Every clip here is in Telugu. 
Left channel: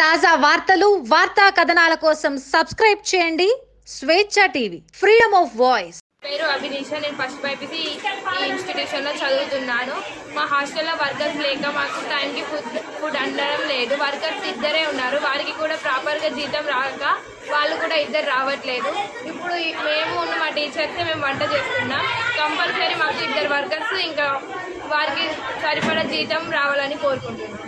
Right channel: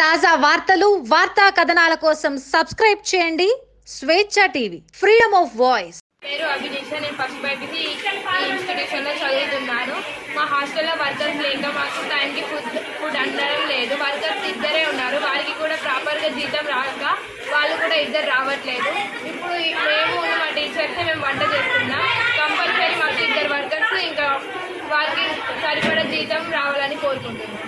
తాజా వార్తలు వార్తా కథనాల కోసం సబ్స్క్రైబ్ చేయండి. స్వేచ్ఛ టీవీ ఫ్రీడమ్ ఆఫ్ వాయిస్. పేరు అభినీష నేను ఫస్ట్ బైపీసీ ఈ ఇన్స్టిట్యూషన్లో చదువుతున్నాను. మా హాస్టల్లో వర్కర్స్ లేక మాకు టైంకి ఫుడ్ ఫుడ్ అందడం లేదు. వర్కర్స్ ఇద్దరే ఉన్నారు. వారికి కూడా ప్రాపర్గా జీతం రాక వాళ్ళు కూడా ఇద్దరు రావట్లేదు. ఇప్పుడు మేము ఉన్న మా టీచర్స్ మేము వంట చేస్తున్నాం. కంపల్సరీ మాకు ఇద్దరు వర్కర్స్ ఇంకా వారికి సరిపడా జీతం రావాలని కోరుకుంటున్నాం.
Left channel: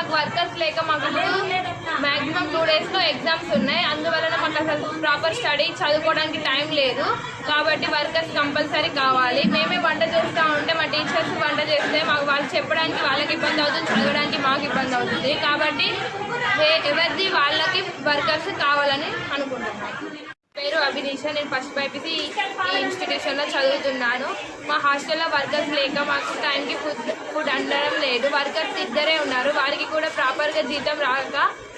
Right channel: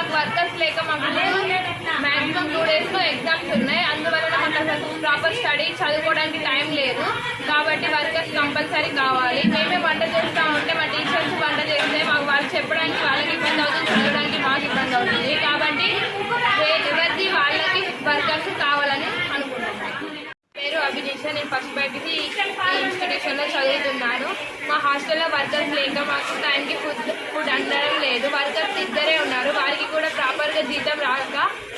మాకు వర్కర్స్ లేక మాకు మ్యాక్సిమం మాక్సిమం టూ డేస్లో ఎగ్జామ్స్ ఉన్నాయి. అందువలన మాకు అసలు ప్రాపర్ స్టడీ చదువుకోవడానికి టైం లేదు. కాబట్టి వర్కర్స్ కంపల్సరీ కావాలి. మేమే వంట చేస్తూ ఉంటే మా టీచర్స్ వంట చేస్తే మాకు వాళ్ళు చెప్పడానికి వాళ్ళకి ఇబ్బంది అవుతుంది చదవడానికి మాకు ఇబ్బంది అవుతుంది. కాబట్టి ఎవరిది వాళ్ళకి వర్కర్స్ కావాలని అనుకుంటున్నాను పేరు అభినీష నేను ఫస్ట్ బైపీసీ ఈ ఇన్స్టిట్యూషన్లో చదువుతున్నాను. మా హాస్టల్లో వర్కర్స్ లేక మాకు టైంకి ఫుడ్ ఫుడ్ అందడం లేదు. వర్కర్స్ ఇద్దరే ఉన్నారు. కూడా ప్రాపర్గా జీతం రాక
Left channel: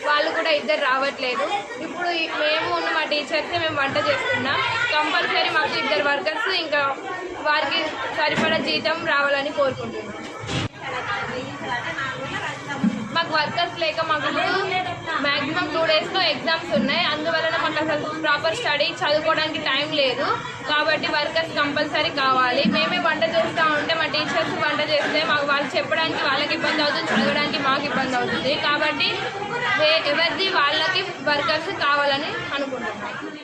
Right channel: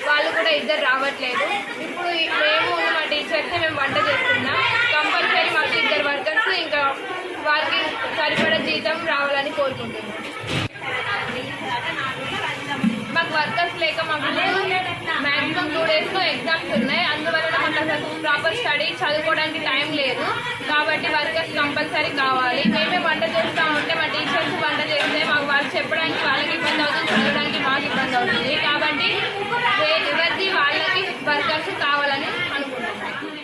వాళ్ళు కూడా ఇద్దరు రావట్లేదు. ఇప్పుడు మేము ఉన్న మా టీచర్సే మేము వంట చేస్తున్నాం కంపల్సరీ మాకు ఇద్దరు వర్కర్స్ ఇంకా వారికి సరిపడా జీతం రావాలని కోరుకుంటున్నాం. మాకు వర్కర్స్ లేక మాకు ఇప్పుడు మాక్సిమం టూ డేస్లో ఎగ్జామ్స్ ఉన్నాయి. అందువలన మాకు అసలు ప్రాపర్ స్టడీ చదువుకోవడానికి టైం లేదు. కాబట్టి వర్కర్స్ కంపల్సరీ కావాలి. మేమే వంట చేస్తూ ఉంటే మా టీచర్స్ వంట చేస్తే మాకు వాళ్ళు చెప్పడానికి వాళ్ళకి ఇబ్బంది అవుతుంది చదవడానికి మాకు ఇబ్బంది అవుతుంది. కాబట్టి ఎవరిది వాళ్ళకి వర్కర్స్ కావాలని అనుకుంటున్నాను